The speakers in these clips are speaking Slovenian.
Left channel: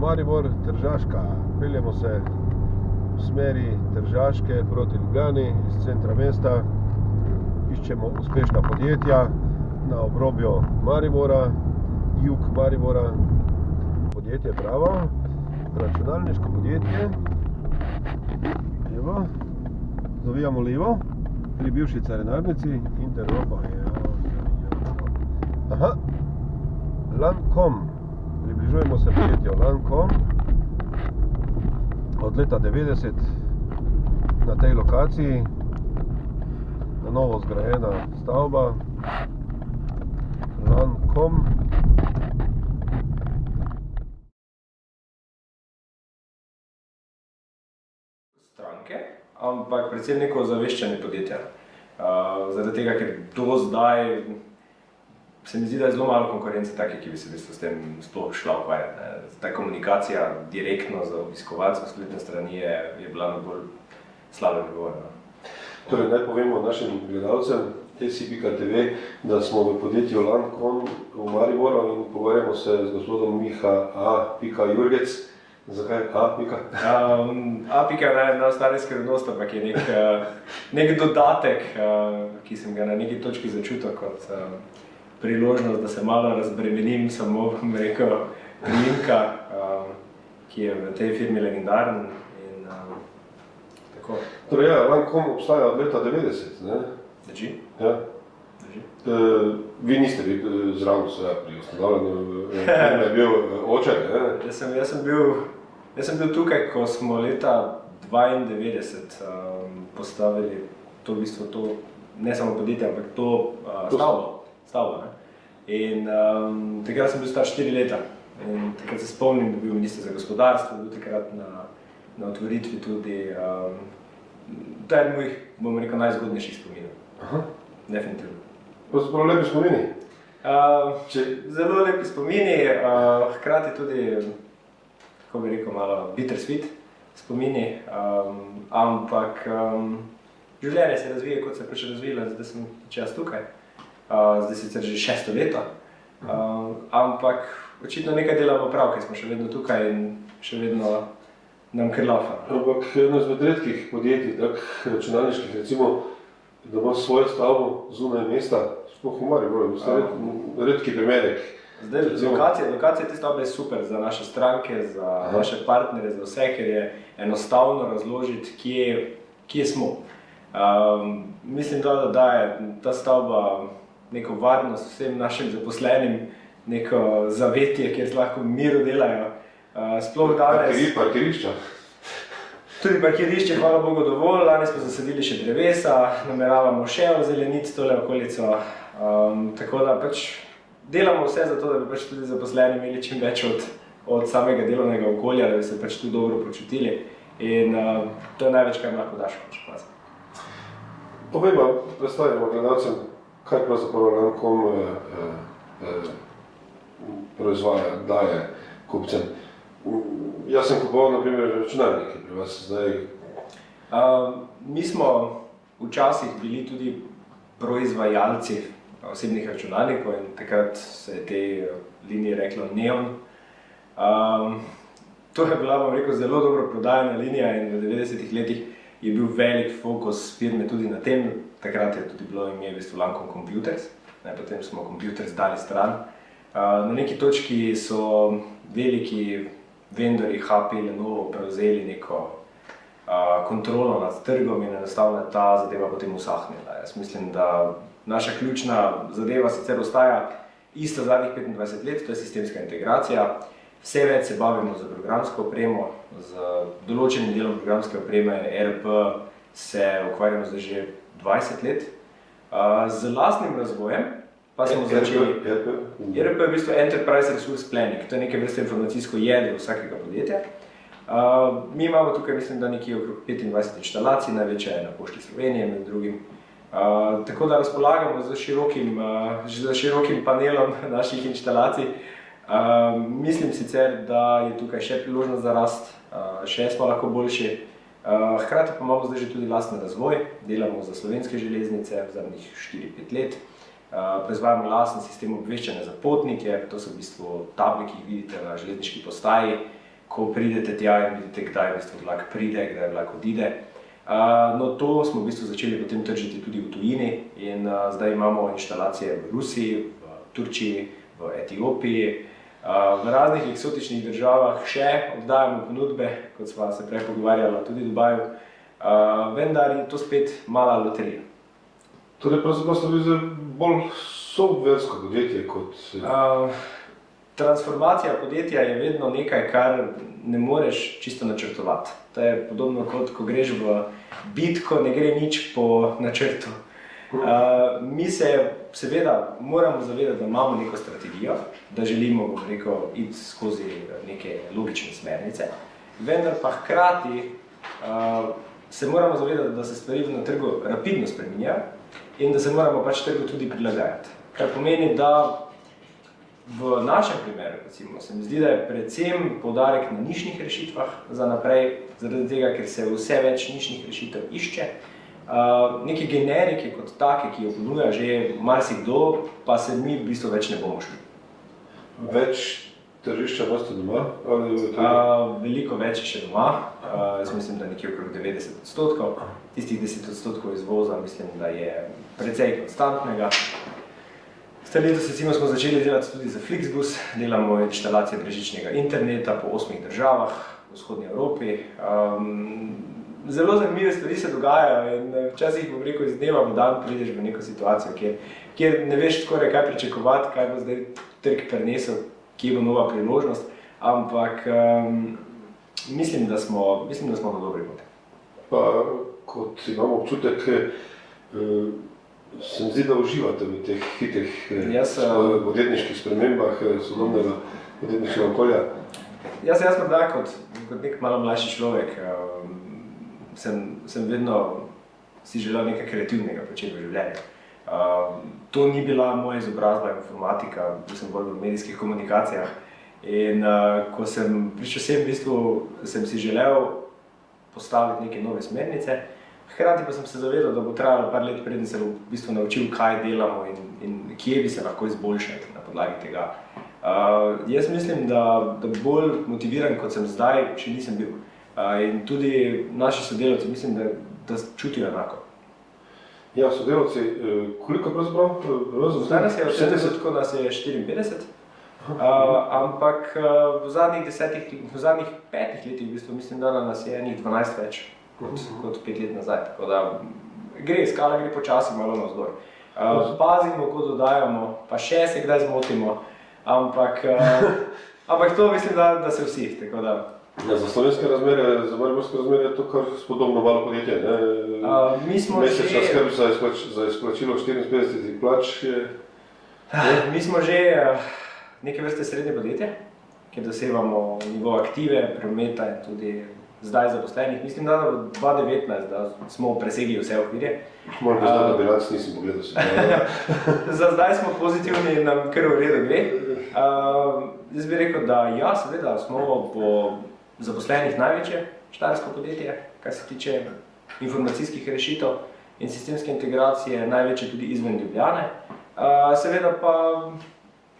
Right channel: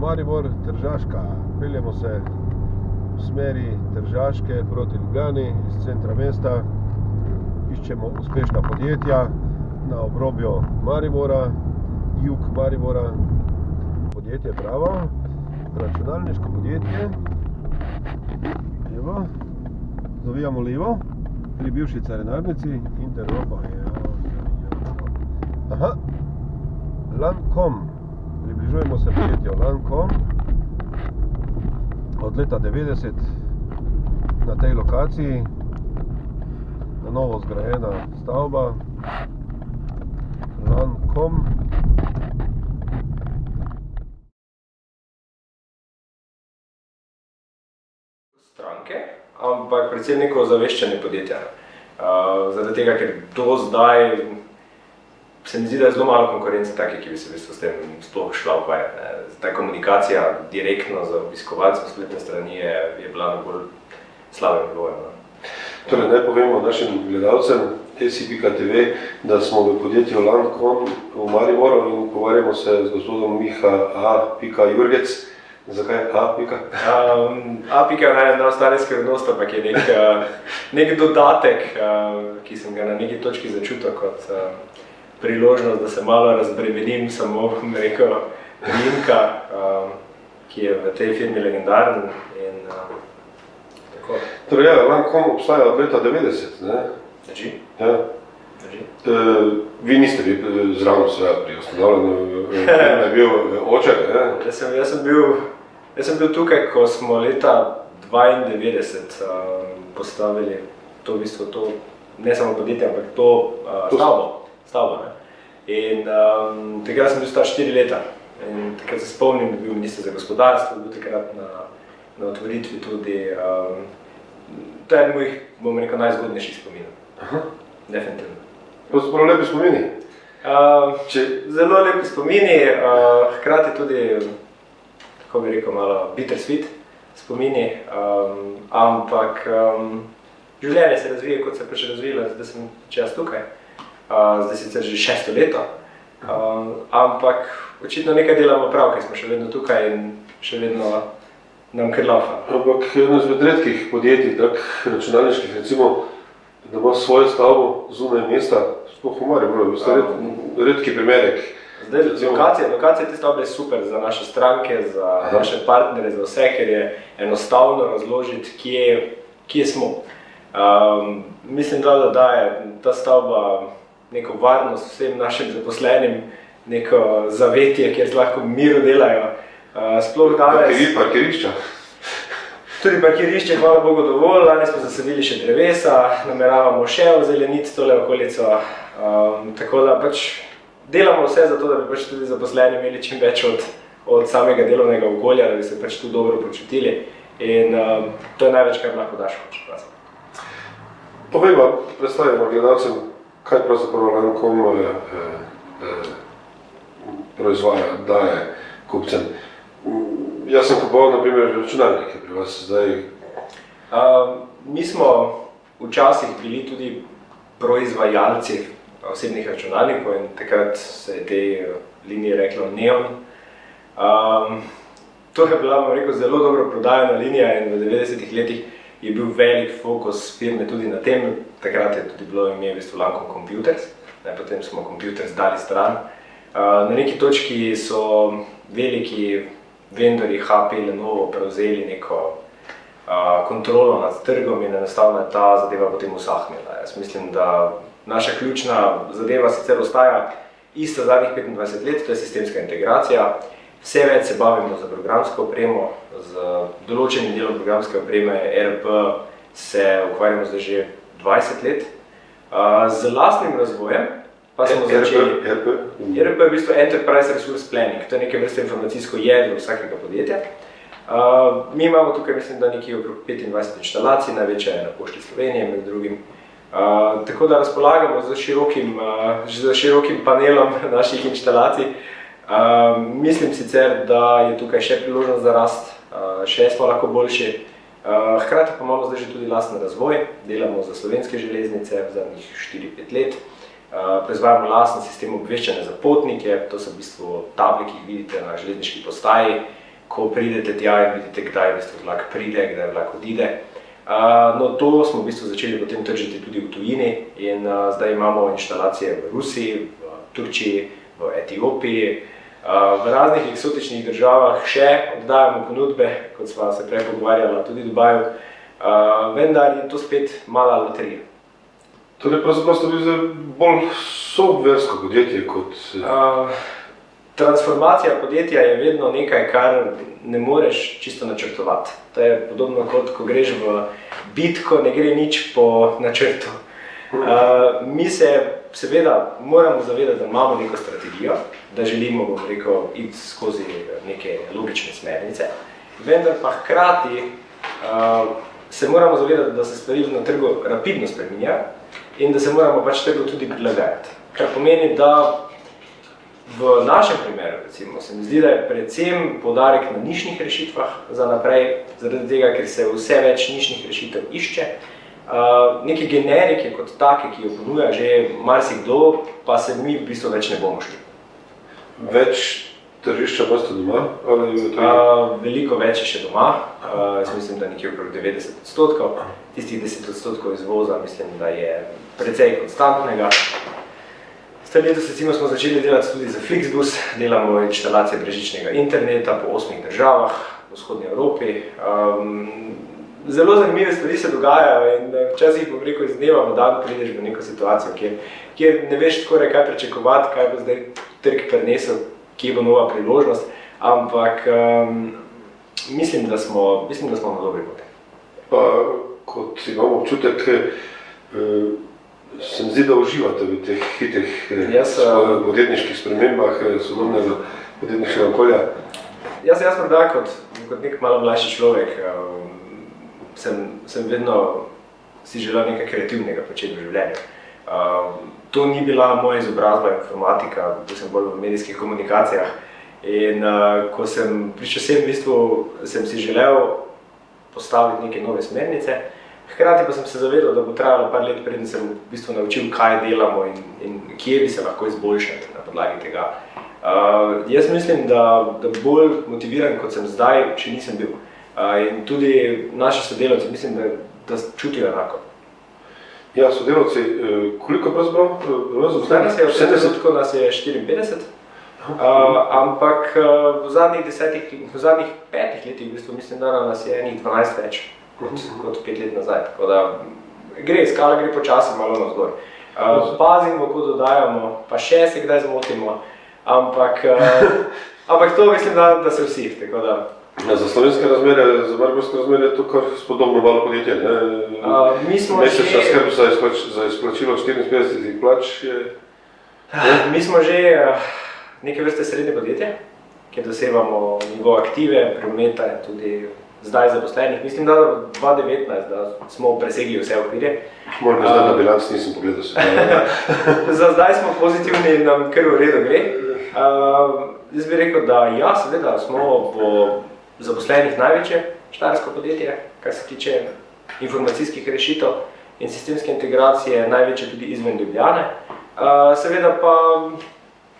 Maribor, Tržaška. Peljemo se v smeri Tržaške proti Ljubljani iz centra mesta. Iščemo uspešna podjetja na obrobju Maribora, jug Maribora. Podjetje Bravo, računalniško podjetje. Evo, zavijamo levo pri bivši carinarnici Interropa. Aha, Lancome. Približujemo se podjetju Lancome. Od leta 90 na tej lokaciji, na novo zgrajena stavba Lancome. Stranke, ampak predvsem neko ozaveščanje podjetja. Zaradi tega, ker do zdaj se mi zdi, da je zelo malo konkurence take, ki bi se v bistvu s tem sploh šla ukvarjati. Ta komunikacija direktno z obiskovalcem spletne strani je bila na bolj slabem nivoju. Torej, naj povemo našim gledalcem esi.tv, da smo v podjetju Lancome v Mariboru in pogovarjamo se z gospodom Miha A. Jurgec. Zakaj A. A. je najostale skrivnost, ampak je nek dodatek, ki sem ga na neki točki začutil kot priložnost, da se malo razbremenim samo, bom rekel, priimka, ki je v tej firmi legendaren in tako. Torej, Lancome obstaja od leta 90, ne? Drži? Ja. Drži. Vi niste bili zraven seveda pri ustanavljanju, je bil oče, ne? Jaz sem bil tukaj, ko smo leta 92 postavili to v bistvu to, ne samo podjetje, ampak to stavbo, ne. In takrat sem bil star 4 leta in takrat se spomnim, da bil minister za gospodarstvo, bil takrat na otvoritvi tudi. To je eden mojih, bom rekel, najzgodnejših spominov. Aha. Definitivno. To so prav lepi spomini? Zelo lepi spomini, hkrati tudi, tako bi rekel, malo bittersweet spomini, ampak življenje se razvije, kot se je pač razvilo, zdaj sem pač jaz tukaj. Zdaj sicer že 6. leto, ampak očitno nekaj delamo prav, ker smo še vedno tukaj in še vedno nam kar laufa. Ampak eno izmed redkih podjetij, tak računalniških, recimo, da ima svojo stavbo zunaj mesta, sploh v Mariboru, redki primerek. Zdaj, lokacija te stavbe je super za naše stranke, za naše partnere, za vse, ker je enostavno razložiti, kje smo. Mislim, da daje ta stavba neko varnost vsem našim zaposlenim, neko zavetje, kjer lahko v miru delajo. Sploh danes... Parkirišča? Tudi parkirišče, hvala Bogu, dovolj. Lani smo zasadili še drevesa, nameravamo še ozeleniti tole okolico. Tako da pač delamo vse za to, da bi pač tudi zaposleni imeli čim več od samega delovnega okolja, da bi se pač tu dobro počutili. In to je največ, kar lahko daš, če prav. Povejmo, predstavimo gledalcem, kaj pravzaprav Lancome proizvaja, daje kupcem. Jaz sem kupoval, na primer, računalnike pri vas zdaj. Mi smo včasih bili tudi proizvajalci osebnih računalnikov in takrat se je tej liniji reklo Neon. To je bila, bom rekel, zelo dobro prodajana linija in v 90-ih letih je bil velik fokus firme tudi na tem. Takrat je tudi bilo ime v bistvu Lancome Computers, potem smo Computers dali stran. Na neki točki so veliki vendorji HP, Lenovo prevzeli neko kontrolo nad trgom in enostavno je ta zadeva potem usahnila. Jaz mislim, da naša ključna zadeva sicer ostaja ista zadnjih 25 let, to je sistemska integracija. Vse več se bavimo z programsko opremo, z določenim delom programske opreme, ERP se ukvarjamo zdaj že 20 let. Z lastnim razvojem pa smo začeli... ERP je v bistvu Enterprise Resource Planning, to je neke vrste informacijsko jedro vsakega podjetja. Mi imamo tukaj, mislim, da nekje okrog 25 inštalacij, največja je na Pošti Slovenije med drugim. Tako da razpolagamo z širokim panelom naših inštalacij. Mislim sicer, da je tukaj še priložnost za rast, še smo lahko boljši. Hkrati pa imamo zdaj že tudi lastni razvoj, delamo za Slovenske železnice v zadnjih 4-5 let. Proizvajamo lasten sistem obveščanja za potnike, to so v bistvu table, ki jih vidite na železniški postaji. ko pridete tja in vidite, kdaj v bistvu vlak pride, kdaj vlak odide. No, to smo v bistvu začeli potem tržiti tudi v tujini in zdaj imamo inštalacije v Rusiji, v Turčiji, v Etiopiji, v raznih eksotičnih državah še oddajamo ponudbe, kot sva se prej pogovarjala, tudi v Dubaju, vendar je to spet mala loterija. Torej, pravzaprav ste bili bolj softversko podjetje kot... Transformacija podjetja je vedno nekaj, kar ne moreš čisto načrtovati. To je podobno kot, ko greš v bitko, ne gre nič po načrtu. Mi se seveda moramo zavedati, da imamo neko strategijo, da želimo, bom rekel, iti skozi neke logične smernice, vendar pa hkrati se moramo zavedati, da se stvari na trgu rapidno spreminjajo in da se moramo pač trgu tudi prilagajati. Kar pomeni, da v našem primeru, recimo, se mi zdi, da je predvsem poudarek na nišnih rešitvah za naprej, zaradi tega, ker se vse več nišnih rešitev išče. Neke generike kot take, ki jo ponuja že marsikdo, pa se mi v bistvu več ne bomo šli. Več tržišča boste doma? Veliko več je še doma. Jaz mislim, da nekje okrog 90%. Tistih 10% izvoza mislim, da je precej konstantnega. Letos recimo smo začeli delati tudi za Flixbus, delamo inštalacije brezžičnega interneta po 8 državah v vzhodni Evropi. Zelo zanimive stvari se dogajajo in včasih, bom rekel, iz dneva v dan prideš v neko situacijo, kjer ne veš skoraj kaj pričakovati, kaj bo zdaj trg prinesel, kje bo nova priložnost, ampak mislim, da smo na dobri poti. Pa kot imam občutek, se mi zdi, da uživate v teh hitrih podjetniških spremembah sodobnega podjetniškega okolja. Jaz morda kot nek malo mlajši človek sem vedno si želel nekaj kreativnega početi v življenju. To ni bila moja izobrazba informatika, bil sem bolj v medijskih komunikacijah in ko sem prišel sem, v bistvu sem si želel postaviti neke nove smernice. Hkrati pa sem se zavedal, da bo trajalo par let, preden se bom v bistvu naučil, kaj delamo in kje bi se lahko izboljšali na podlagi tega. Jaz mislim, da bolj motiviran, kot sem zdaj, še nisem bil. In tudi naši sodelavci mislim, da čutijo enako. Ja, sodelavci, koliko pravzaprav? Zdaj nas je 70, nas je 54. Ampak v zadnjih 5 letih v bistvu mislim, da nas je enih 12 več kot 5 let nazaj, tako da skala gre počasi malo navzgor. Pazimo, ko dodajamo, pa še se kdaj zmotimo, ampak to mislim, da se vsi, tako da. Za slovenske razmere, za mariborske razmere je to kar spodobno malo podjetje, ne? Mesečna skrb za izplačilo 54 plač je... Mi smo že neke vrste srednje podjetje, kjer dosegamo nivo aktive, prometa in tudi zdaj zaposlenih. Mislim, da v 2019 da smo presegli vse okvirje. Moram zdaj na bilanc nisem pogledal se. Za zdaj smo pozitivni in nam kar v redu gre. Jaz bi rekel, da ja, seveda smo po zaposlenih največje štajersko podjetje, kar se tiče informacijskih rešitev in sistemske integracije, največje tudi izven Ljubljane. Seveda pa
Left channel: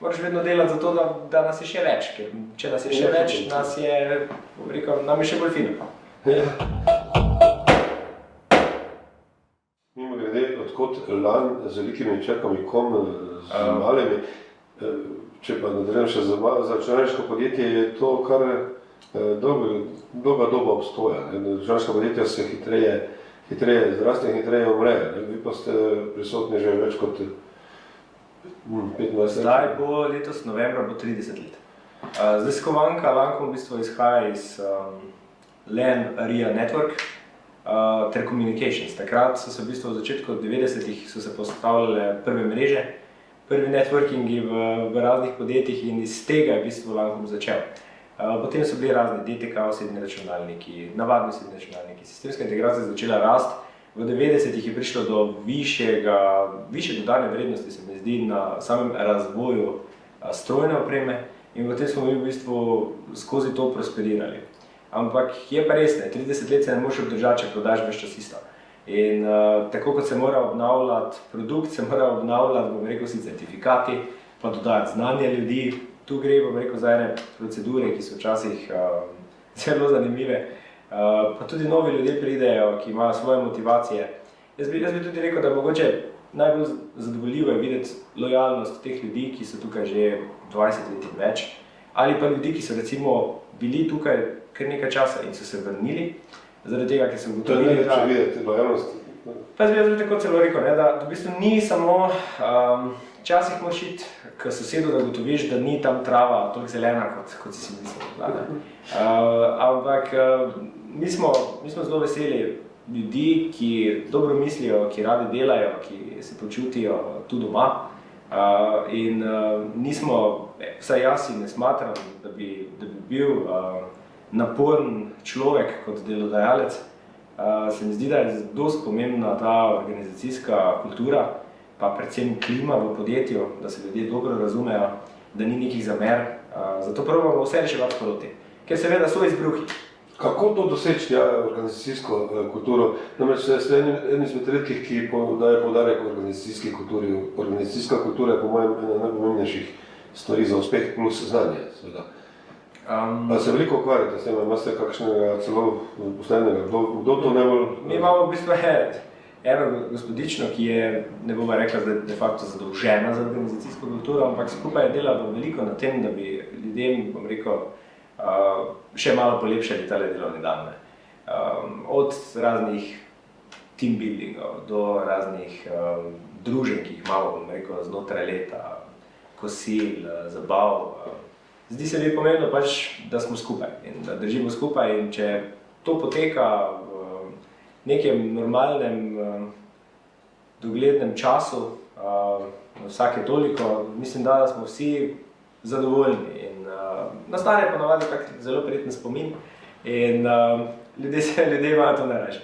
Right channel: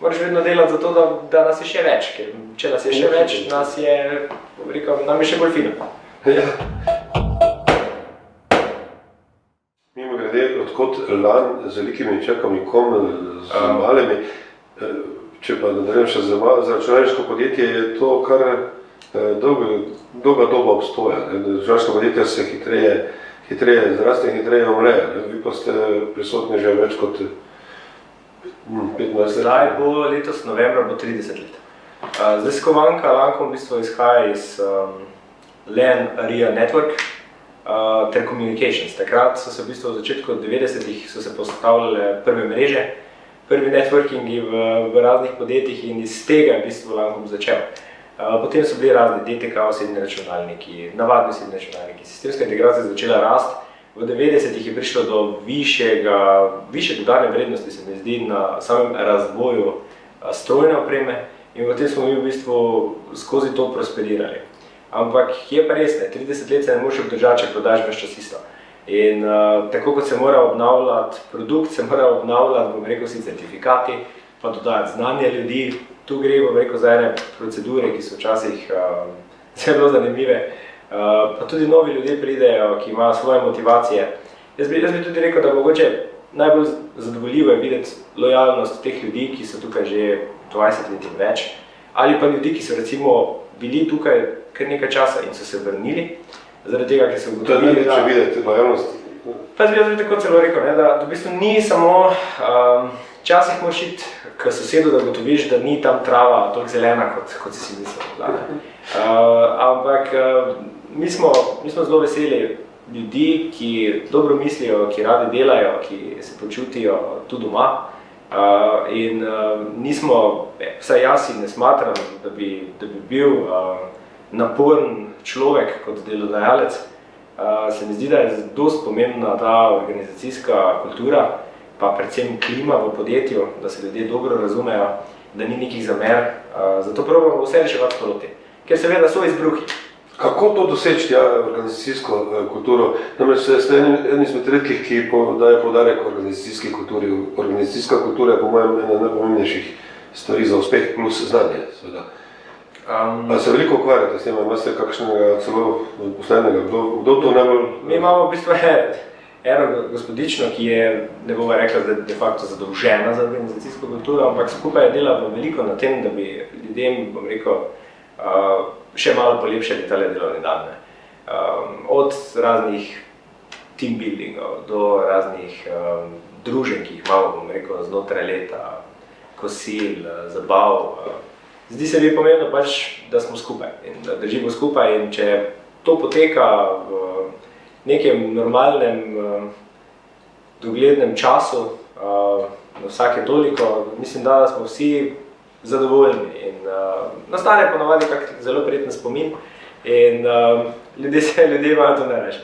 moraš vedno delati za to, da nas je še več, ker če nas je še več, nam je še bolj fino. Mimogrede, odkot lan z velikimi črkami, kom z malimi, če pa nadaljujem še za računalniško podjetje, je to kar dolga doba obstoja. Računalniška podjetja se hitreje zraste in hitreje umrejo. Vi pa ste prisotni že več kot 15 let. Zdaj bo letos novembra bo 30 let. Zdaj skovanka Lancome v bistvu izhaja iz LAN Area Network ter Communications. Takrat so se v bistvu v začetku 90-ih so se postavljale prve mreže, prvi networkingi v raznih podjetjih in iz tega je v bistvu Lancome začel. Potem so bili razni DTK osebni računalniki, navadni osebni računalniki, sistemska integracija začela rasti. V 90-ih je prišlo do višje dodane vrednosti, se mi zdi, na samem razvoju strojne opreme in potem smo mi v bistvu skozi to prosperirali. Ampak je pa res, 30 let se ne moreš obdržati, če prodaš ves čas isto. In tako kot se mora obnavljati produkt, se mora obnavljati, bom rekel, vsi certifikati, pa dodajati znanje ljudi, tu gre, bom rekel, za ene procedure, ki so včasih zelo zanimive, pa tudi novi ljudje pridejo, ki imajo svoje motivacije. Jaz bi tudi rekel, da mogoče najbolj zadovoljivo je videti lojalnost teh ljudi, ki so tukaj že 20 let in več, ali pa ljudi, ki so recimo bili tukaj kar nekaj časa in so se vrnili, zaradi tega, ker so ugotovili, da... To je najlepše videti, lojalnost. Pa jaz bi tako celo rekel, ne, da v bistvu ni samo, včasih moraš iti k sosedu, da ugotoviš, da ni tam trava toliko zelena, kot si mislil. Ampak mi smo zelo veseli ljudi, ki dobro mislijo, ki radi delajo, ki se počutijo tu doma. In nismo, vsaj jaz si ne smatram, da bi bil naporen človek kot delodajalec. Se mi zdi, da je dosti pomembna ta organizacijska kultura, pa predvsem klima v podjetju, da se ljudje dobro razumejo, da ni nekih zamer. Zato probamo vse reševati sproti, ker seveda so izbruhi. Kako to doseči, organizacijsko kulturo? Namreč ste eni izmed redkih, ki daje poudarek organizacijski kulturi. Organizacijska kultura je po mojem ena najpomembnejših stvari za uspeh plus znanje, seveda. Ali se veliko ukvarjate s tem, imate kakšnega celo poslednjega? Kdo to najbolj... Mi imamo v bistvu eno gospodično, ki je, ne bomo rekla, de facto zadolžena za organizacijsko kulturo, ampak skupaj dela veliko na tem, da bi ljudem, bom rekel, še malo polepšali tale delovni dan. Od raznih team buildingov do raznih druženj, ki jih imamo, bom rekel, znotraj leta, kosil, zabav. Zdi se mi pomembno pač, da smo skupaj in da držimo skupaj, in če to poteka v nekem normalnem, doglednem času, na vsake toliko, mislim, da smo vsi zadovoljni in nastane ponovadi kak zelo prijeten spomin in ljudje imajo to najrajše.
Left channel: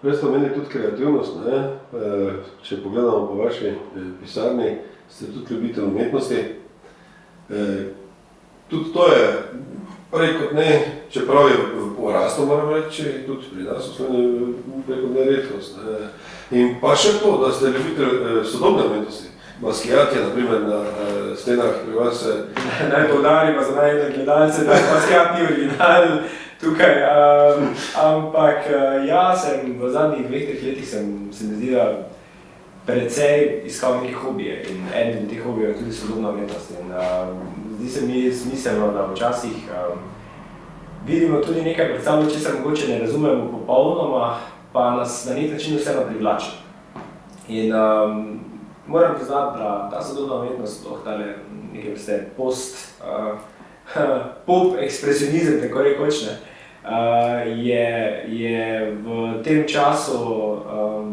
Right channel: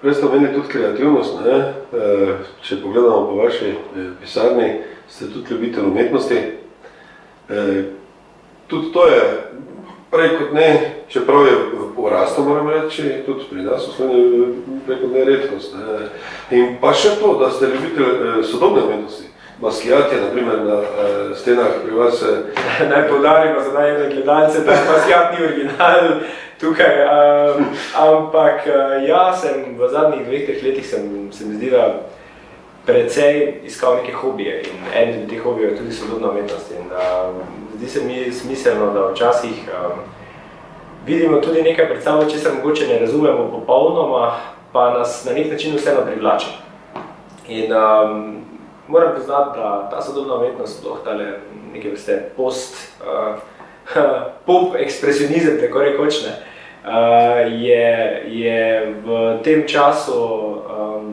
Prej ste omenili tudi kreativnost, ne? Če pogledamo po vaši pisarni, ste tudi ljubitelj umetnosti. Tudi to je prej kot ne, čeprav je v porastu, moram reči, tudi pri nas prej kot ne redkost. Ne? In pa še to, da ste ljubitelj sodobne umetnosti. Basquiat je, naprimer, na stenah pri vas. Naj poudarimo za najne gledalce, da Basquiat ni original tukaj, ampak ja, sem v zadnjih 2-3 letih se mi zdi, da precej iskal neke hobije in eden izmed teh hobijev je tudi sodobna umetnost. In zdi se mi smiselno, da včasih vidimo tudi nekaj pred sabo, česar mogoče ne razumemo popolnoma, pa nas na nek način vseeno privlači. In moram priznati, da ta sodobna umetnost, sploh tale neke vrste pop ekspresionizem, tako rekoč, je v tem času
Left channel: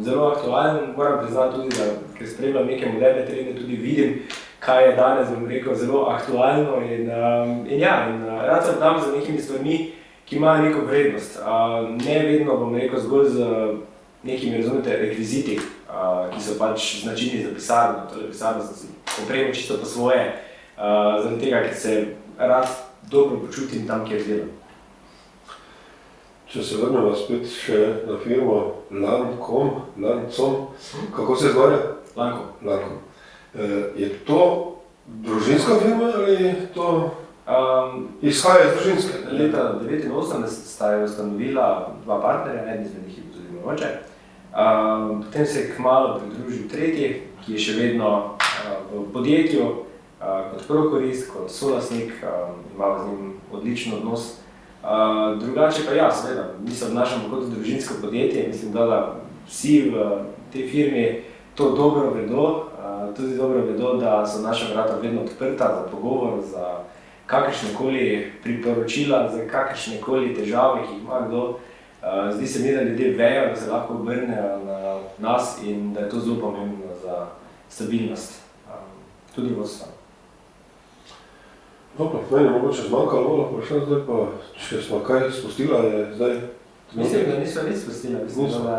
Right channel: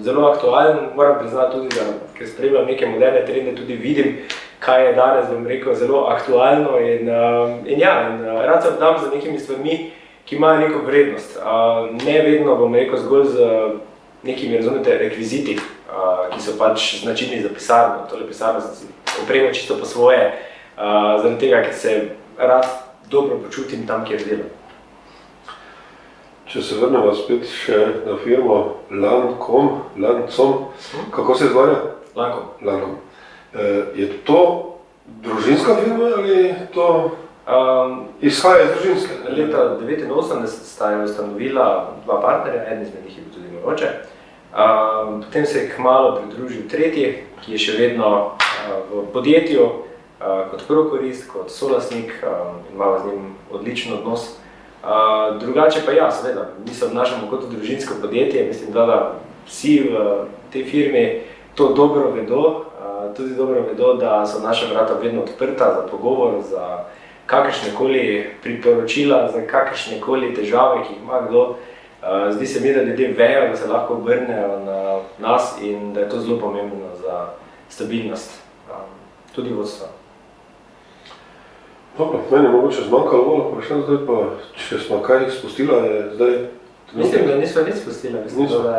zelo aktualen. Moram priznati tudi, da ker spremljam neke moderne trende, tudi vidim, kaj je danes, bom rekel, zelo aktualno in rad se vdam za nekimi stvarmi, ki imajo neko vrednost. Ne vedno, bom rekel, zgolj z nekimi, razumete, rekviziti, ki so pač značilni za pisarno. Tole pisarno sem si opremo čisto po svoje, zaradi tega, ker se rad dobro počutim tam, kjer delam. Če se vrnemo spet še na firmo Lancom, kako se izgovarja? Lancom. Je to družinska firma ali to izhaja iz družinske? Leta 1989 sta jo ustanovila dva partnerja, eden izmed njih je bil tudi moj oče. Potem se je kmalu pridružil tretji, ki je še vedno v podjetju kot prokurist, kot solastnik in imamo z njim odličen odnos. Drugače pa ja, seveda, mi se obnašamo kot družinsko podjetje, mislim, da vsi v tej firmi to dobro vedo, tudi dobro vedo, da so naša vrata vedno odprta za pogovor, za kakršnekoli priporočila, za kakršnekoli težave, ki jih ima kdo. Zdi se mi, da ljudje vejo, da se lahko obrnejo na nas in da je to zelo pomembno za stabilnost, tudi vodstva. No, pa meni je mogoče zmanjkalo, vprašam zdaj pa, če smo kaj spustila, je zdaj... Mislim, da nismo nič spustila.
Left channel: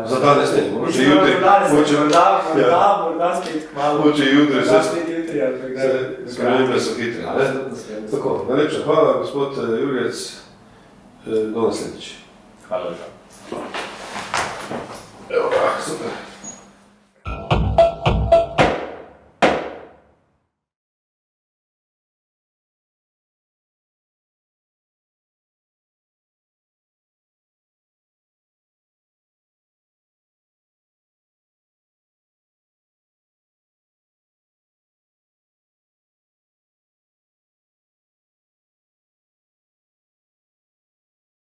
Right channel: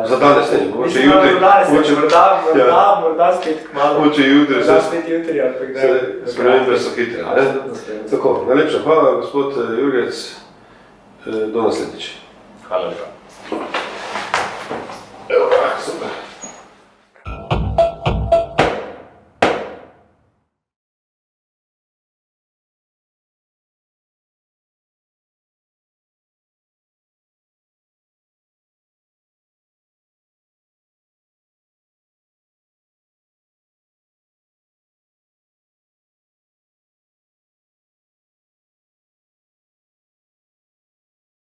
Za danes ne, mogoče jutri. Morda spet kmalu. Mogoče jutri. Morda spet jutri, ampak da... Spremembe so hitre, ne? Tako, najlepša hvala, gospod Jurgec, do naslednjič. Hvala lepa. Evo, super.